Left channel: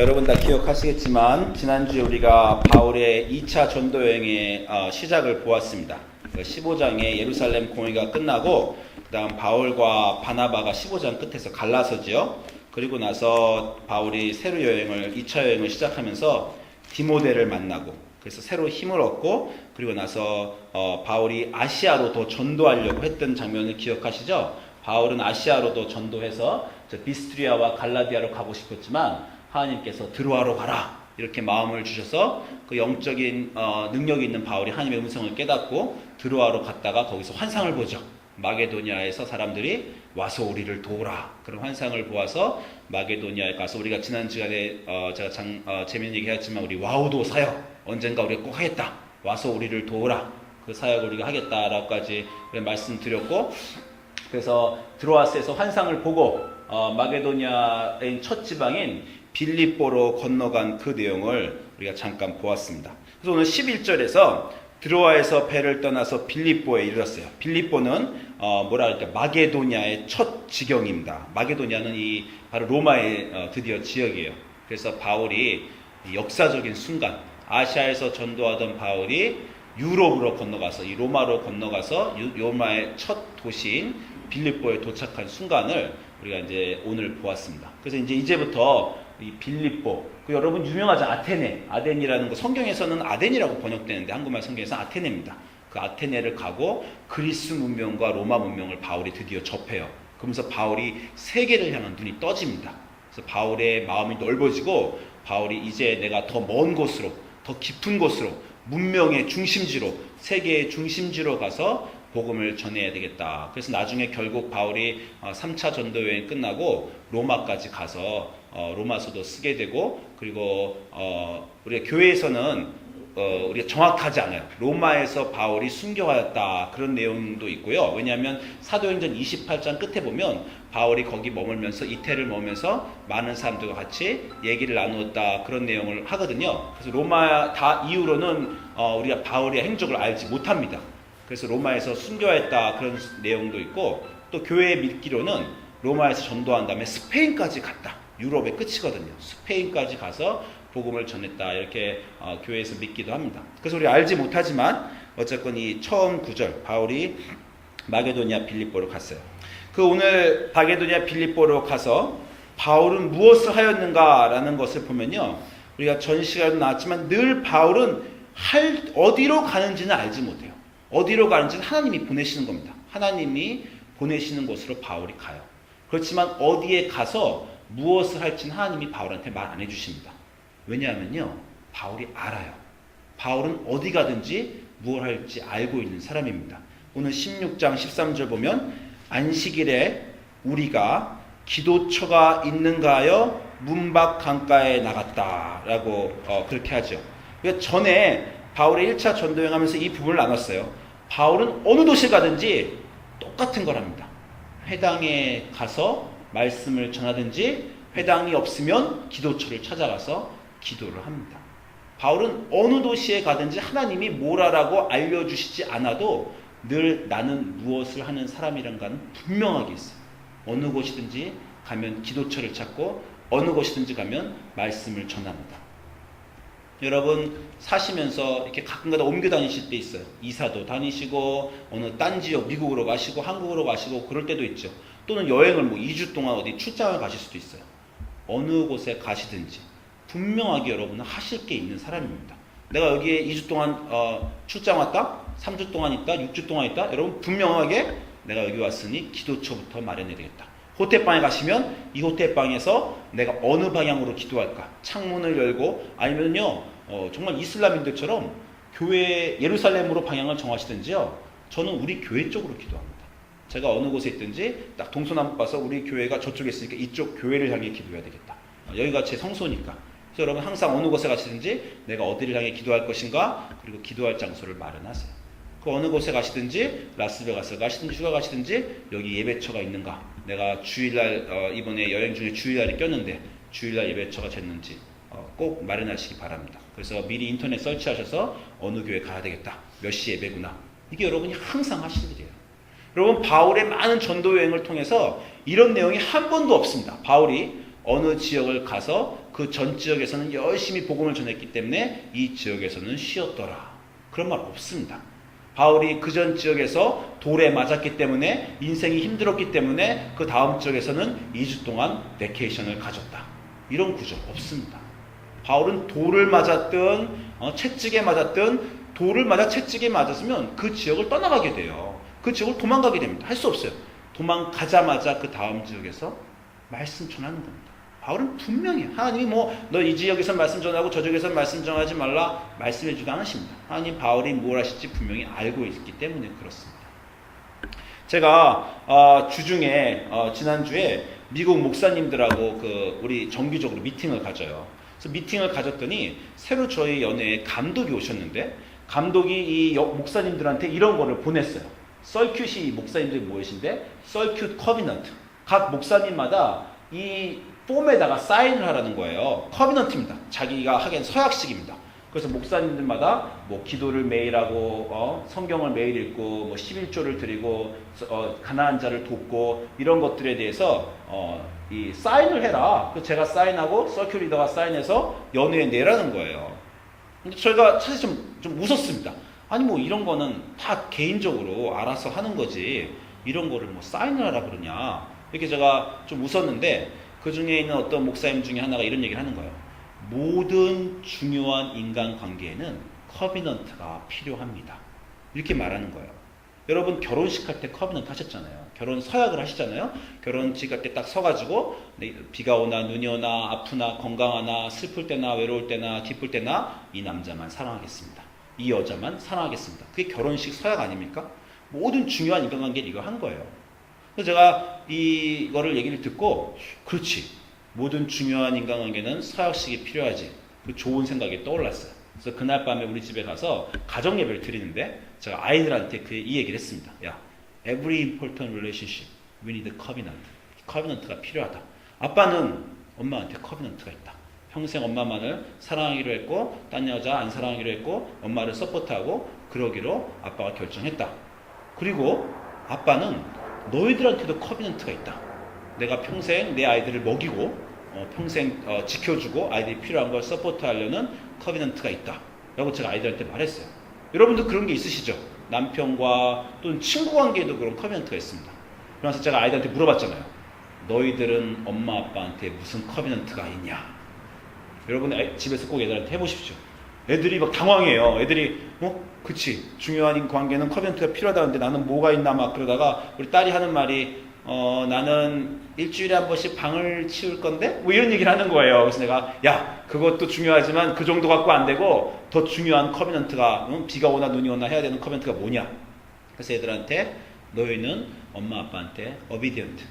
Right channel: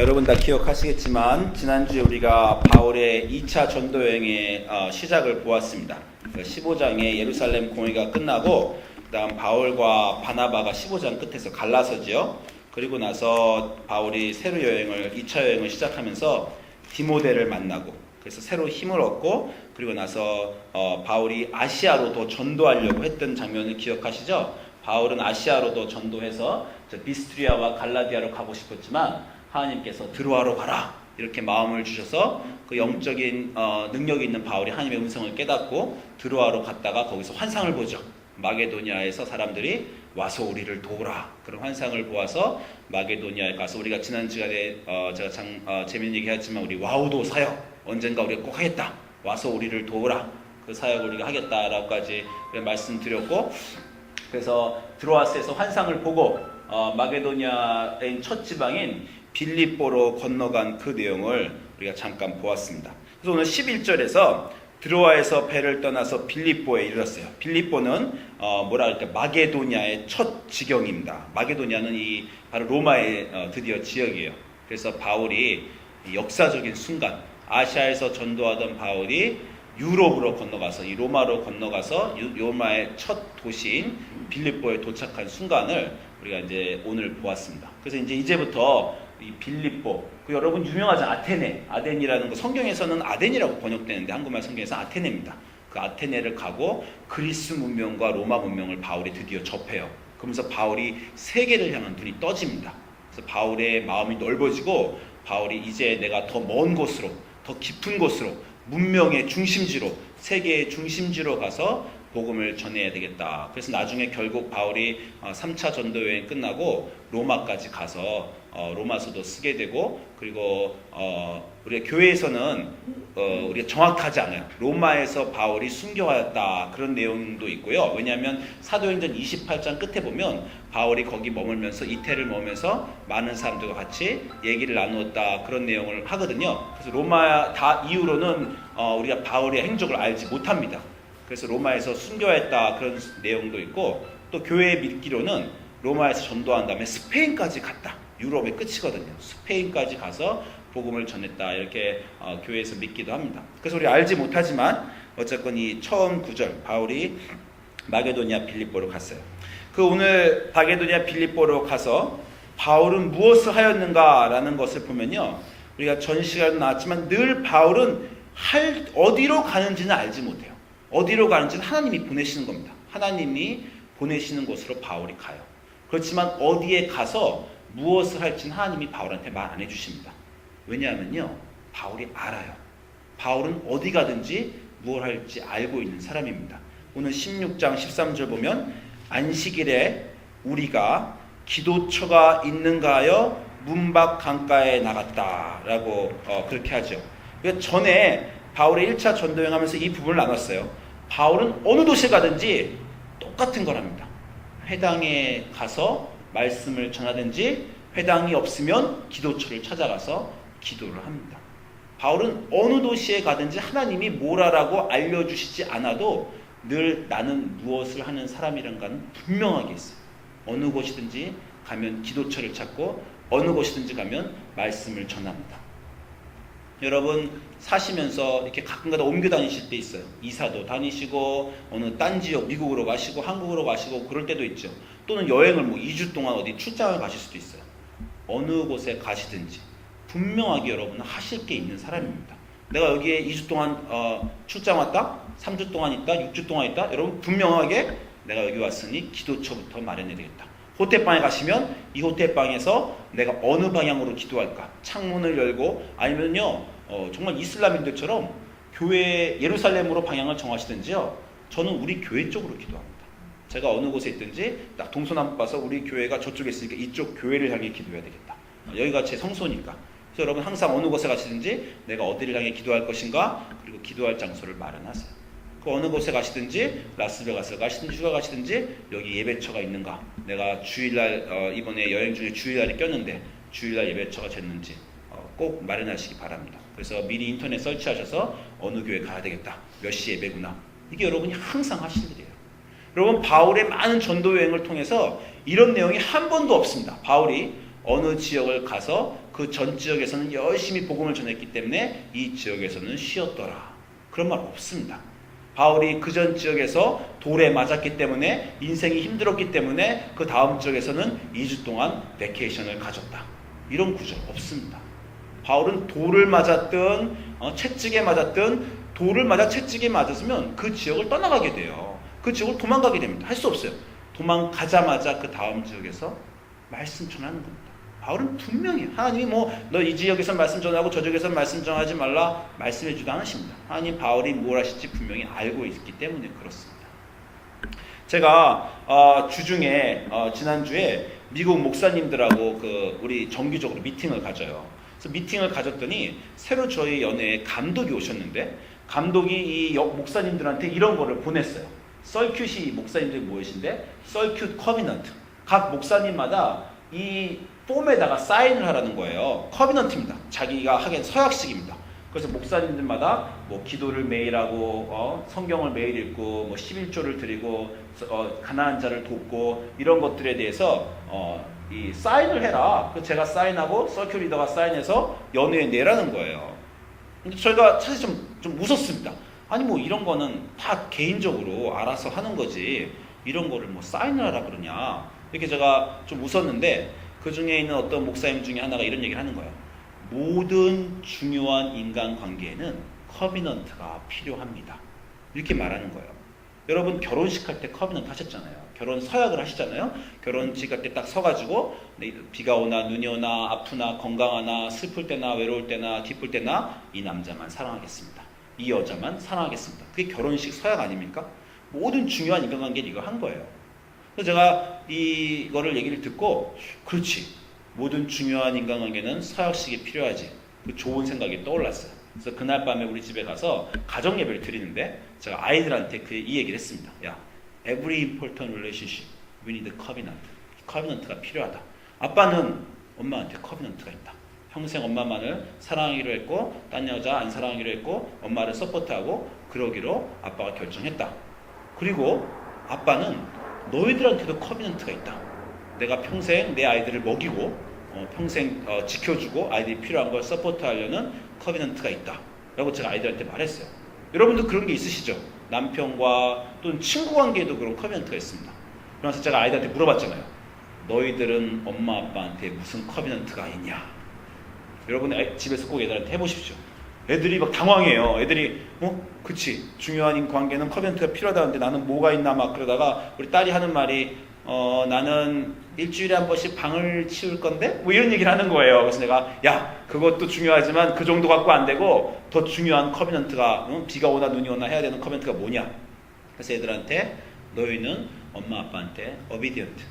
여러분 다 기억하시겠지만 지난주에 우리가 바울의 2차 전도 여행의 시작을 보았습니다. 15장의 예루살렘 공회가 끝나고 그 다음 바울과 바나바가 15장 끝에서 갈라서지요. 그리고 나서 바울이 새로 2차 여행을 시작하면서 디모데를 만나고 그래서 새로 힘을 얻고 그리고 나서 바울이 아시아로 더 전도하려고 했던 장면을 기억하시죠? 바울은 아시아로도 전도해서 비스트리아와 갈라디아로 가고 싶었지만 하나님께서 들어와로 가라 이렇게 마음을 주셔서 그 영적인 능력이 있는 바울이 하나님의 음성을 깨닫고 들어와로 갔다가 거기서 환상을 보죠. 마게도니아에서 사람들이 와서 우리를 도우라 그런 환상을 보아서 마게도니아에 가서 우리가 지난 시간에 제가 재미있는 얘기했지만 우리 와우도 사역 언젠가 우리가 꼭 하겠다 와서 우리를 도우라 그 사역을 우리가 하겠다라고까지 말씀드렸고 그래서 드로아스에서 환상을 보고 마게도니아의 첫 지방인 빌립보로 건너간 그 내용을 우리가 잠깐 보았습니다. 그래서 오늘 11절에서 드로아에서 배를 떠나서 빌립보에 이르렀어요. 빌립보는 뭐라 할까 마게도니아의 첫 지경입니다. 마게도니아는 바로 로마의 드디어 지역이에요. 그래서 바울이 역사적인 순간 아시아에서 전도하던 바울이 유럽으로 건너가서 이 로마로 건너가서 로마의 첫 도시인 빌립보에 도착한 순간을 우리가 이제 오늘 보았습니다. 그래서 이제부터 이 빌립보, 여러분 유명하죠 아테네라는 거 성경에서는 아덴이라고 번역되는데 한국말 성경에서는 아테네입니다. 그 아테네를 가고 그리스 문명과 로마 문명을 바울이 드디어 접해요. 그러면서 바울이 세계를 향한 눈이 떠집니다. 그래서 바울의 마음이 넓어지고 바울이 이제 내가 더 먼 곳으로, 더 깊은 곳으로, 문명의 중심지로, 세계의 중심지로 가서 복음을 전해야 되겠다. 그래서 나중에 결국 바울이 3차 전도 여행 끝나고 로마까지 가서 로마서도 쓰게 되고 그리고 우리가 교회에서는 우리가 정확하지 않아요. 로마에서 바울이 순교하였다 그런 내용도 있고요. 왜냐하면 사도행전 28장 끝에 보면 바울이 거기 머물면서 이태를 머물면서 많은 사람들과 같이 얘기를 나누었다 그런 내용을 하거든요. 그래서 로마 다 이후로는 우리가 바울의 행적을 알지 못합니다. 그래서 로마에서 순교했다 그런 내용도 있고 또 교회의 믿기로는 로마에서 전도한 다음에 스페인까지 갔다. 유럽의 끝이거든요. 스페인까지 가서 복음을 전했다 이렇게 교회에서 믿기도 합니다. 그래서 우리 알지 못하지만 어쨌건 이 처음 구절 바울이 마게도니아 빌립보로 갔어요. 그 오늘 마게도니아 빌립보로 가서 바울은 무엇을 하였는가라는 것을 보면요. 우리가 전 시간에도 나왔지만 늘 바울은 어디로 가는지는 알지 못해요. 어디로 가는지는 하나님이 보내시는 겁니다. 하나님이 보내시는 곳으로 바울이 가요. 그렇지만 어디에 가서 무엇을 할지는 하나님이 바울한테 말 안 해주십니다. 왜냐하면요. 바울이 알아요. 바울은 어디 가든지 무엇을 할지 알고 있는 사람입니다. 오늘 16장 13절 보면 안식일에 우리가 기도처가 있는가 하여 문밖 강가에 나갔다라고 그렇게 하죠. 전에 바울의 1차 전도여행 하면서 이 부분을 나눴어요. 바울은 어느 도시에 가든지 똑같은 걸 합니다. 회당에 가서 말씀을 전하든지 회당이 없으면 기도처를 찾아가서 기도를 합니다. 바울은 어느 도시에 가든지 하나님이 뭘 하라고 알려주시지 않아도 늘 나는 무엇을 하는 사람이란 건 분명하게 있어요. 어느 곳이든지 가면 기도처를 찾고 어느 곳이든지 가면 말씀을 전합니다. 여러분 사시면서 이렇게 가끔가다 옮겨 다니실 때 있어요. 이사도 다니시고 어느 딴 지역 미국으로 가시고 한국으로 가시고 그럴 때도 있죠. 또는 여행을 2주 동안 어디 출장을 가실 수도 있어요. 어느 곳에 가시든지 분명하게 여러분은 하실 게 있는 사람입니다. 내가 여기에 2주 동안 출장 왔다? 3주 동안 있다? 6주 동안 있다? 여러분 분명하게 내가 여기 왔으니 기도처부터 마련해야 되겠다. 호텔방에 가시면 이 호텔방에서 내가 어느 방향으로 기도할까? 창문을 열고 아니면요 정말 이슬람인들처럼 교회 예루살렘으로 방향을 정하시든지요. 저는 우리 교회 쪽으로 기도합니다. 제가 어느 곳에 있든지 딱 동서남북 봐서 우리 교회가 저쪽에 있으니까 이쪽 교회를 향해 기도해야 되겠다. 여기가 제 성소니까. 그래서 여러분 항상 어느 곳에 가시든지 내가 어디를 향해 기도할 것인가 그리고 기도할 장소를 마련하세요. 그 어느 곳에 가시든지 라스베가스를 가시든지 휴가 가시든지 여기 예배처가 있는가 내가 주일날 이번에 여행 중에 주일날이 꼈는데 주일날 예배처가 됐는지 꼭 마련하시기 바랍니다. 그래서 미리 인터넷 설치하셔서 어느 교회 가야 되겠다 몇 시 예배구나 이게 여러분이 항상 하실 일이에요. 여러분 바울의 많은 전도 여행을 통해서 이런 내용이 한 번도 없습니다. 바울이 어느 지역을 가서 그 전 지역에서는 열심히 복음을 전했기 때문에 이 지역에서는 쉬었더라. 그런 말 없습니다. 바울이 그 전 지역에서 돌에 맞았기 때문에 인생이 힘들었기 때문에 그 다음 지역에서는 2주 동안 베케이션을 가졌다. 이런 구절 없습니다. 바울은 돌을 맞았든 채찍에 맞았든 돌을 맞아 채찍에 맞았으면 그 지역을 떠나가게 돼요. 그 지역을 도망가게 됩니다. 할 수 없어요. 도망가자마자 그 다음 지역에서 말씀 전하는 겁니다. 바울은 분명히 하나님이 너 이 지역에서 말씀 전하고 저 지역에서 말씀 전하지 말라 말씀해 주지 않으십니다. 하나님 바울이 뭘 하실지 분명히 알고 있기 때문에 그렇습니다. 제가 주중에 지난주에 미국 목사님들하고 우리 정기적으로 미팅을 가져요. 그래서 미팅을 가졌더니 새로 저희 연회에 감독이 오셨는데 감독이 이 목사님들한테 이런 거를 보냈어요. 썰큐시 목사님들이 무엇인데 썰큐 커비넌트. 각 목사님마다 이 폼에다가 사인을 하라는 거예요. 커비넌트입니다. 자기가 하기엔 서약식입니다. 그래서 목사님들마다 기도를 매일 하고 성경을 매일 읽고 11조를 드리고 가난한 자를 돕고 이런 것들에 대해서 이 사인을 해라. 그래서 제가 사인하고 서큐 리더가 사인해서 연회에 내라는 거예요. 근데 저희가 사실 좀 웃었습니다. 아니 이런 거는 다 개인적으로 알아서 하는 거지 이런 거를 사인을 하라 그러냐 이렇게 제가 좀 웃었는데 그 중에 있는 어떤 목사님 중에 하나가 이런 얘기를 하는 거예요. 모든 중요한 인간관계에는 커비넌트가 필요합니다. 이렇게 말하는 거예요. 여러분 결혼식 할 때 커비넌트 하셨잖아요. 결혼 서약을 하시잖아요. 결혼식 할 때 딱 서가지고 비가 오나 눈이 오나 아프나 건강하나 슬플 때나 외로울 때나 기쁠 때나 이 남자만 사랑하겠습니다. 이 여자만 사랑하겠습니다. 그게 결혼식 서약 아닙니까? 모든 중요한 인간관계를 이거 한 거예요. 그래서 제가 이거를 얘기를 듣고 그렇지 모든 중요한 인간관계는 서약식이 필요하지 그 좋은 생각이 떠올랐어요. 그래서 그날 밤에 우리 집에 가서 가정예배를 드리는데 제가 아이들한테 이 얘기를 했습니다. 야, every important relationship we need a covenant. 커비넌트가 필요하다. 아빠는 엄마한테 커비넌트가 있다. 평생 엄마만을 사랑하기로 했고 딴 여자 안 사랑하기로 했고 엄마를 서포트하고 그러기로 아빠가 결정했다. 그리고 아빠는 너희들한테도 커비넌트가 있다. 내가 평생 내 아이들을 먹이고 평생 지켜주고 아이들이 필요한 걸 서포트하려는 커비넌트가 있다. 라고 제가 아이들한테 말했어요. 여러분도 그런 게 있으시죠? 남편과 또는 친구 관계에도 그런 커비넌트가 있습니다. 그래서 제가 아이들한테 물어봤잖아요. 너희들은 엄마 아빠한테 무슨 커비넌트가 있냐? 여러분 집에서 꼭 애들한테 해보십시오. 애들이 막 당황해요. 애들이 그치 중요한 관계는 커비넌트가 필요하다는데 나는 뭐가 있나 막 그러다가 우리 딸이 하는 말이 나는 일주일에 한 번씩 방을 치울 건데 이런 얘기를 하는 거예요. 그래서 내가 야 그것도 중요하지만 그 정도 갖고 안 되고 더 중요한 커비넌트가 비가 오나 눈이 오나 해야 되는 커비넌트가 뭐냐? 그래서 애들한테 너희는 엄마 아빠한테 obedient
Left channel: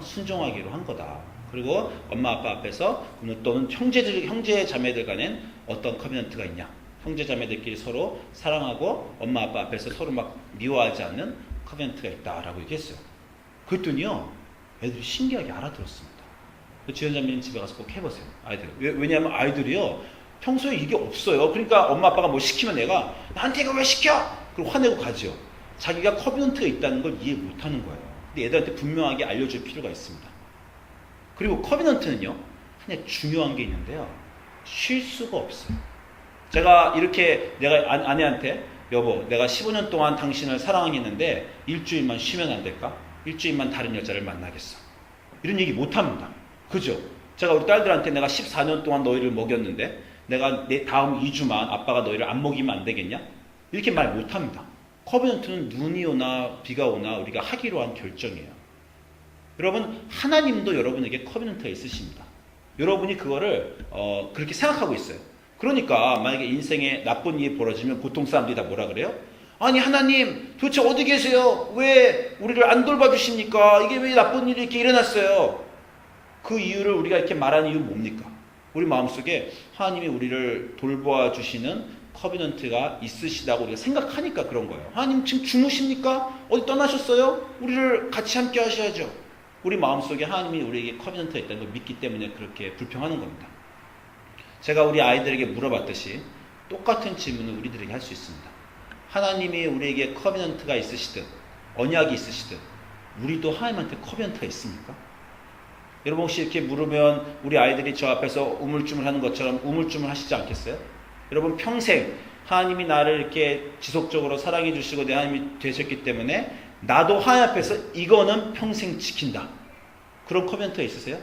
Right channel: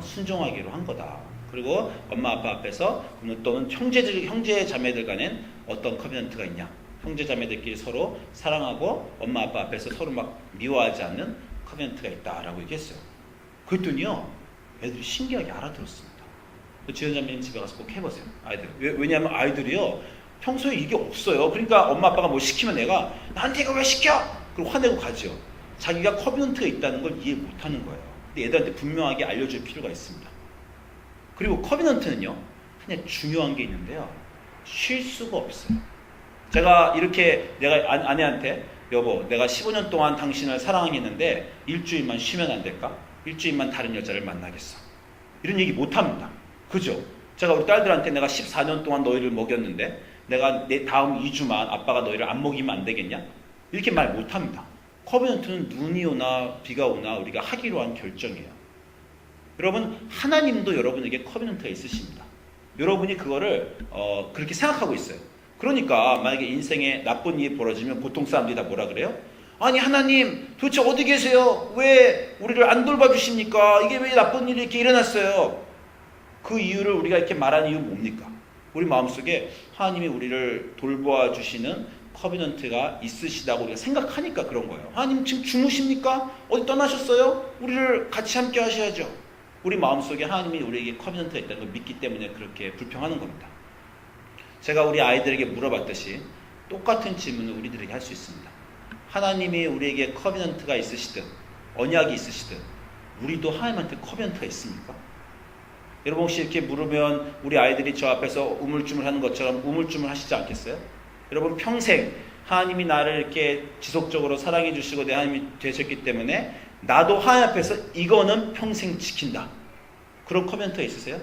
순종하기로 한 거다. 그리고 엄마 아빠 앞에서 또는 형제 자매들 간엔 어떤 커비넌트가 있냐? 형제 자매들끼리 서로 사랑하고 엄마 아빠 앞에서 서로 막 미워하지 않는 커비넌트가 있다라고 얘기했어요. 그랬더니요 애들이 신기하게 알아들었습니다. 지연자매님 집에 가서 꼭 해보세요. 아이들. 왜냐하면 아이들이요 평소에 이게 없어요. 그러니까 엄마 아빠가 뭐 시키면 애가 나한테 이거 왜 시켜? 그리고 화내고 가죠. 자기가 커비넌트가 있다는 걸 이해 못하는 거예요. 근데 애들한테 분명하게 알려줄 필요가 있습니다. 그리고 커비넌트는요 그냥 중요한 게 있는데요 쉴 수가 없어요. 제가 이렇게 내가 아내한테 여보 내가 15년 동안 당신을 사랑하겠는데 일주일만 쉬면 안 될까? 일주일만 다른 여자를 만나겠어. 이런 얘기 못합니다. 그죠? 제가 우리 딸들한테 내가 14년 동안 너희를 먹였는데 내가 내 다음 2주만 아빠가 너희를 안 먹이면 안 되겠냐? 이렇게 말 못합니다. 커비넌트는 눈이 오나 비가 오나 우리가 하기로 한 결정이에요. 여러분 하나님도 여러분에게 커비넌트가 있으십니다. 여러분이 그거를 그렇게 생각하고 있어요. 그러니까 만약에 인생에 나쁜 일이 벌어지면 보통 사람들이 다 뭐라 그래요? 아니 하나님 도대체 어디 계세요? 왜 우리를 안 돌봐주십니까? 이게 왜 나쁜 일이 이렇게 일어났어요? 그 이유를 우리가 이렇게 말하는 이유는 뭡니까? 우리 마음속에 하나님이 우리를 돌봐주시는 커비넌트가 있으시다고 우리가 생각하니까 그런 거예요. 하나님 지금 주무십니까? 어디 떠나셨어요? 우리를 같이 함께 하셔야죠. 우리 마음속에 하나님이 우리에게 커비넌트가 있다는 걸 믿기 때문에 그렇게 불평하는 겁니다. 제가 우리 아이들에게 물어봤듯이 똑같은 질문을 우리들에게 할 수 있습니다. 하나님이 우리에게 커비넌트가 있으시든 언약이 있으시든 우리도 하나님한테 커비넌트가 있습니까? 여러분 혹시 이렇게 물으면 우리 아이들이 저 앞에서 우물쭈물하는 것처럼 우물쭈물 하시지 않겠어요? 여러분 평생 하나님이 나를 이렇게 지속적으로 사랑해 주시고 내 하나님이 되셨기 때문에 나도 하나님 앞에서 이거는 평생 지킨다. 그런 커멘트가 있으세요?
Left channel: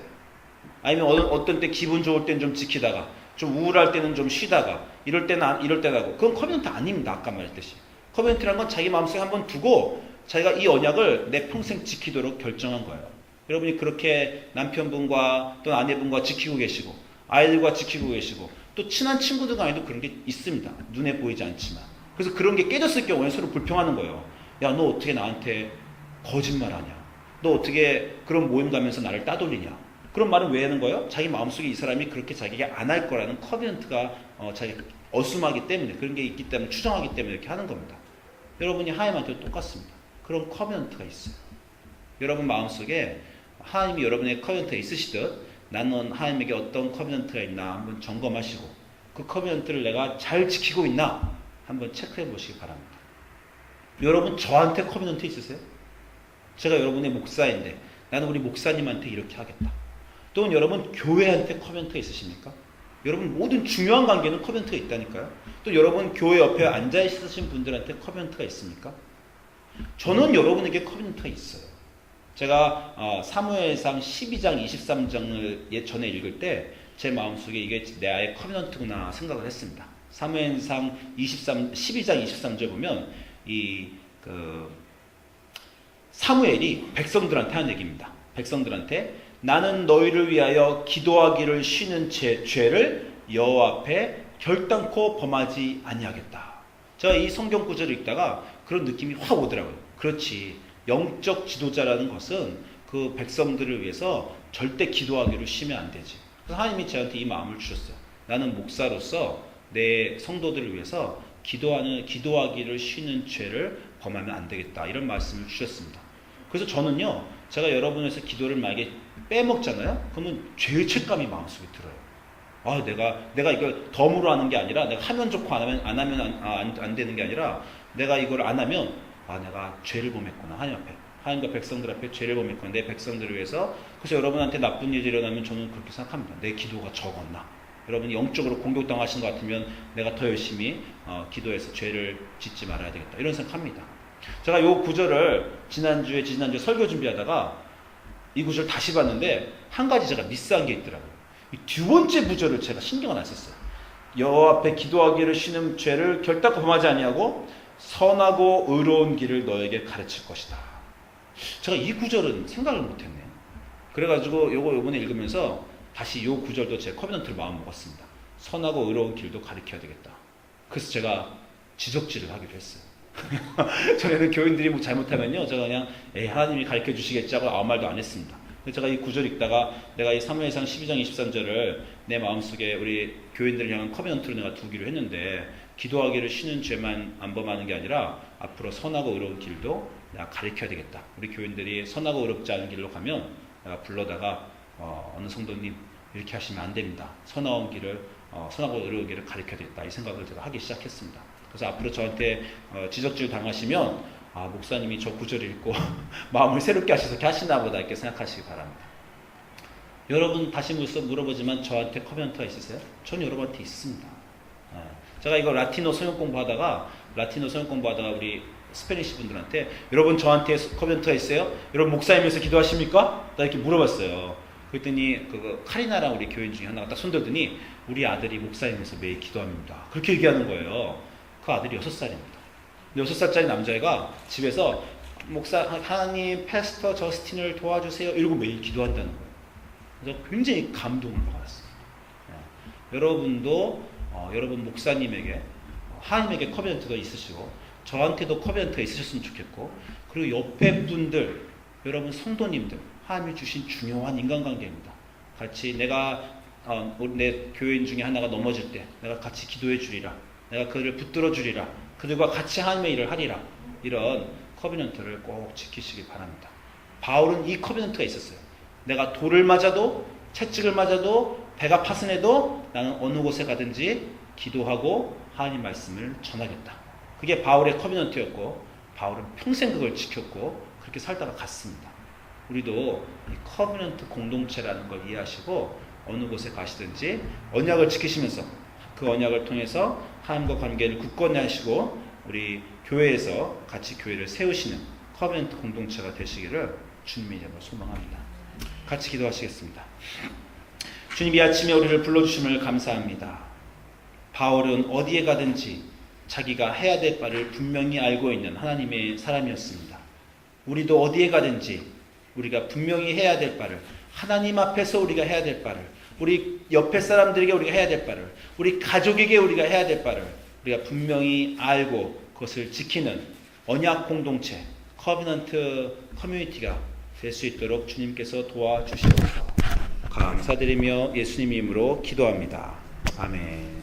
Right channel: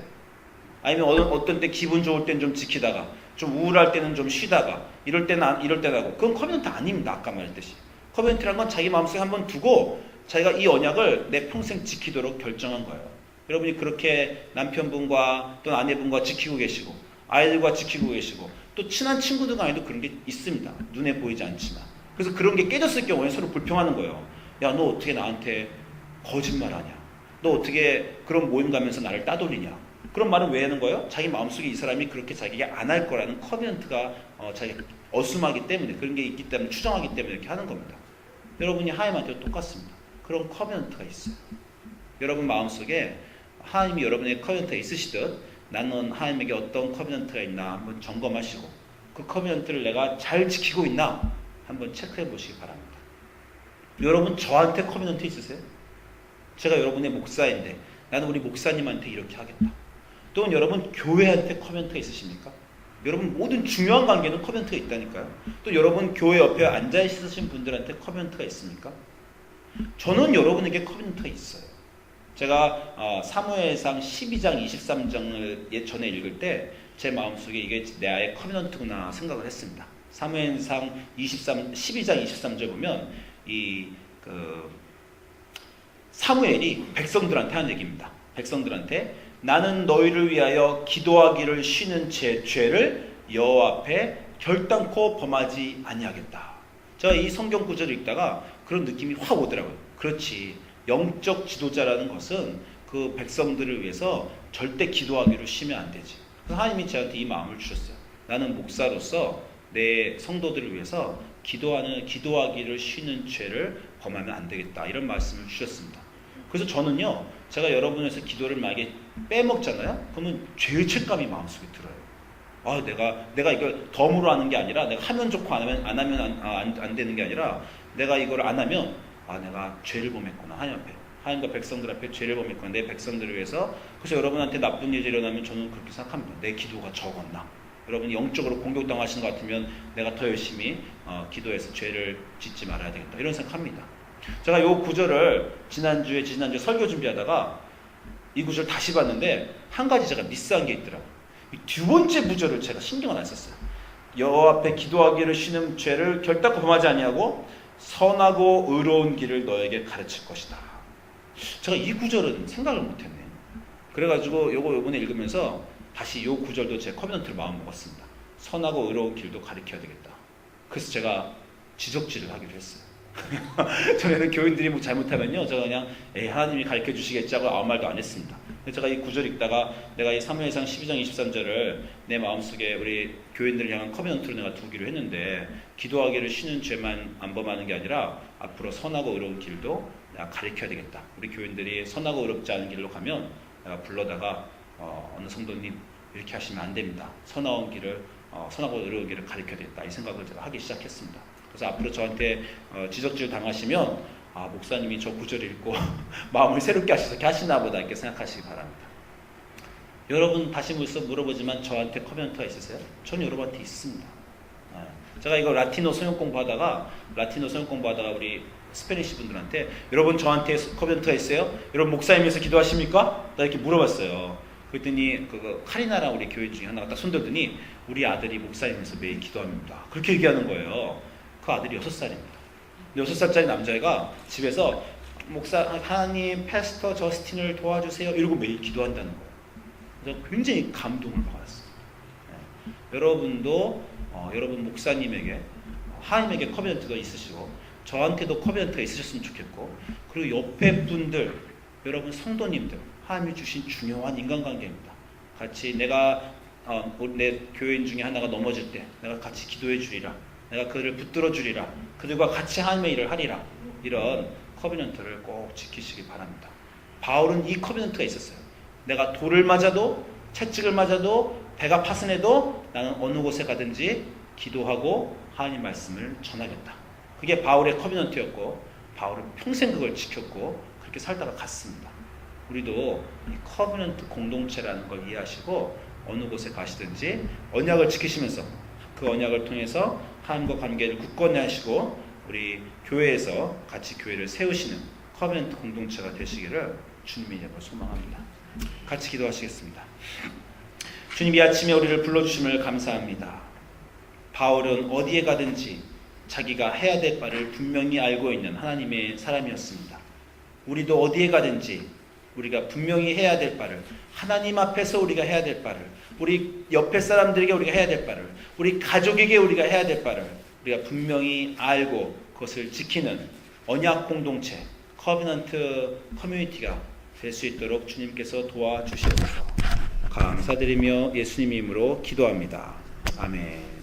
아니면 어떤 때 기분 좋을 때는 좀 지키다가 좀 우울할 때는 좀 쉬다가 이럴 때는 이럴 때는 하고 그건 커멘트 아닙니다. 아까 말했듯이. 커멘트란 건 자기 마음속에 한번 두고 자기가 이 언약을 내 평생 지키도록 결정한 거예요. 여러분이 그렇게 남편분과 또 아내분과 지키고 계시고 아이들과 지키고 계시고 또 친한 친구들 간에도 그런 게 있습니다. 눈에 보이지 않지만. 그래서 그런 게 깨졌을 경우에 서로 불평하는 거예요. 야, 너 어떻게 나한테 거짓말하냐? 너 어떻게 그런 모임 가면서 나를 따돌리냐? 그런 말은 왜 하는 거예요? 자기 마음속에 이 사람이 그렇게 자기가 안 할 거라는 커멘트가 자기가 어수하기 때문에 그런 게 있기 때문에 추정하기 때문에 이렇게 하는 겁니다. 여러분이 하나님한테도 똑같습니다. 그런 커멘트가 있어요. 여러분 마음속에 하나님이 여러분의 커멘트가 있으시듯 나는 하나님에게 어떤 커멘트가 있나 한번 점검하시고 그 커멘트를 내가 잘 지키고 있나 한번 체크해 보시기 바랍니다. 여러분 저한테 커멘트 있으세요? 제가 여러분의 목사인데 나는 우리 목사님한테 이렇게 하겠다. 또는 여러분 교회한테 커멘트가 있으십니까? 여러분 모든 중요한 관계는 커멘트가 있다니까요. 또 여러분 교회 옆에 앉아 있으신 분들한테 커멘트가 있습니까? 저는 여러분에게 커멘트가 있어요. 제가 사무엘상 12장 23장을 전에 읽을 때 제 마음속에 이게 내 아의 커멘트구나 생각을 했습니다. 사무엘상 12장 23절 보면 사무엘이 백성들한테 한 얘기입니다. 백성들한테 나는 너희를 위하여 기도하기를 쉬는 죄를 여호와 앞에 결단코 범하지 아니하겠다. 제가 이 성경 구절을 읽다가 그런 느낌이 확 오더라고요. 그렇지. 영적 지도자라는 것은 그 백성들을 위해서 절대 기도하기를 쉬면 안 되지. 그래서 하나님이 저한테 이 마음을 주셨어요. 나는 목사로서 내 성도들을 위해서 기도하기를 쉬는 죄를 범하면 안 되겠다. 이런 말씀을 주셨습니다. 그래서 저는요, 제가 여러분에서 기도를 만약에 빼먹잖아요? 그러면 죄의 책감이 마음속에 들어요. 내가 이걸 덤으로 하는 게 아니라, 내가 하면 좋고 안 하면 안 되는 게 아니라, 내가 이걸 안 하면, 내가 죄를 범했구나. 하나님 앞에. 하나님과 백성들 앞에 죄를 범했구나. 내 백성들을 위해서. 그래서 여러분한테 나쁜 일이 일어나면 저는 그렇게 생각합니다. 내 기도가 적었나. 여러분이 영적으로 공격당하시는 것 같으면 내가 더 열심히 기도해서 죄를 짓지 말아야 되겠다. 이런 생각합니다. 제가 이 구절을 지난주에 설교 준비하다가 이 구절 다시 봤는데 한 가지 제가 미스한 게 있더라고요. 두 번째 구절을 제가 신경을 안 썼어요. 여호와 앞에 기도하기를 쉬는 죄를 결단코 범하지 아니하고 선하고 의로운 길을 너에게 가르칠 것이다. 제가 이 구절은 생각을 못했네요. 그래가지고 요번에 읽으면서 다시 이 구절도 제 커멘트를 마음 먹었습니다. 선하고 의로운 길도 가르쳐야 되겠다. 그래서 제가 지적질을 하기로 했어요. 전에는 교인들이 뭐 잘못하면요, 제가 그냥 하나님이 가르쳐 주시겠지 하고 아무 말도 안 했습니다. 제가 이 구절 읽다가 내가 이 사무엘상 12장 23절을 내 마음속에 우리 교인들을 향한 커멘트로 내가 두기로 했는데 기도하기를 쉬는 죄만 안 범하는 게 아니라 앞으로 선하고 의로운 길도 내가 가르쳐야 되겠다. 우리 교인들이 선하고 의롭지 않은 길로 가면 내가 불러다가 어느 성도님 이렇게 하시면 안 됩니다. 선하고 의로운 길을 가르쳐야 되겠다. 이 생각을 제가 하기 시작했습니다. 그래서 앞으로 저한테 지적질 당하시면 목사님이 저 구절을 읽고 마음을 새롭게 하셔서 이렇게 하시나 보다 이렇게 생각하시기 바랍니다. 여러분 다시 물어보지만 저한테 커멘트가 있으세요? 저는 여러분한테 있습니다. 제가 이거 라틴어 소형 공부하다가 우리 스페니시 분들한테 여러분 저한테 커멘트가 있어요? 여러분 목사님에서 기도하십니까? 나 이렇게 물어봤어요. 그랬더니 카리나랑 우리 교인 중에 하나가 딱 손들더니 우리 아들이 목사님에서 매일 기도합니다. 그렇게 얘기하는 거예요. 그 아들이 6살입니다. 6살짜리 남자애가 집에서 목사 하나님 패스터 저스틴을 도와주세요 이러고 매일 기도한다는 거예요. 그래서 굉장히 감동을 받았어요. 여러분도 여러분 목사님에게 하나님에게 커멘트가 있으시고 저한테도 커멘트가 있으셨으면 좋겠고 그리고 옆에 분들 여러분 성도님들 하나님이 주신 중요한 인간관계입니다. 같이 내가 내 교인 중에 하나가 넘어질 때 내가 같이 기도해 주리라. 내가 그를 붙들어 주리라. 그들과 같이 하나님의 일을 하리라. 이런 커비넌트를 꼭 지키시기 바랍니다. 바울은 이 커비넌트가 있었어요. 내가 돌을 맞아도 채찍을 맞아도 배가 파손해도 나는 어느 곳에 가든지 기도하고 하나님 말씀을 전하겠다. 그게 바울의 커비넌트였고 바울은 평생 그걸 지켰고 그렇게 살다가 갔습니다. 우리도 이 커비넌트 공동체라는 걸 이해하시고 어느 곳에 가시든지 언약을 지키시면서 그 언약을 통해서 하나님과 관계를 굳건히 하시고 우리 교회에서 같이 교회를 세우시는 커비넌트 공동체가 되시기를 주님의 이름으로 소망합니다. 같이 기도하시겠습니다. 주님, 이 아침에 우리를 불러주심을 감사합니다. 바울은 어디에 가든지 자기가 해야 될 바를 분명히 알고 있는 하나님의 사람이었습니다. 우리도 어디에 가든지 우리가 분명히 해야 될 바를, 하나님 앞에서 우리가 해야 될 바를, 우리 옆에 사람들에게 우리가 해야 될 바를, 우리 가족에게 우리가 해야 될 바를 우리가 분명히 알고 그것을 지키는 언약 공동체, 커비넌트 커뮤니티가 될 수 있도록 주님께서 도와주시옵소서. 감사드리며 예수님 이름으로 기도합니다. 아멘.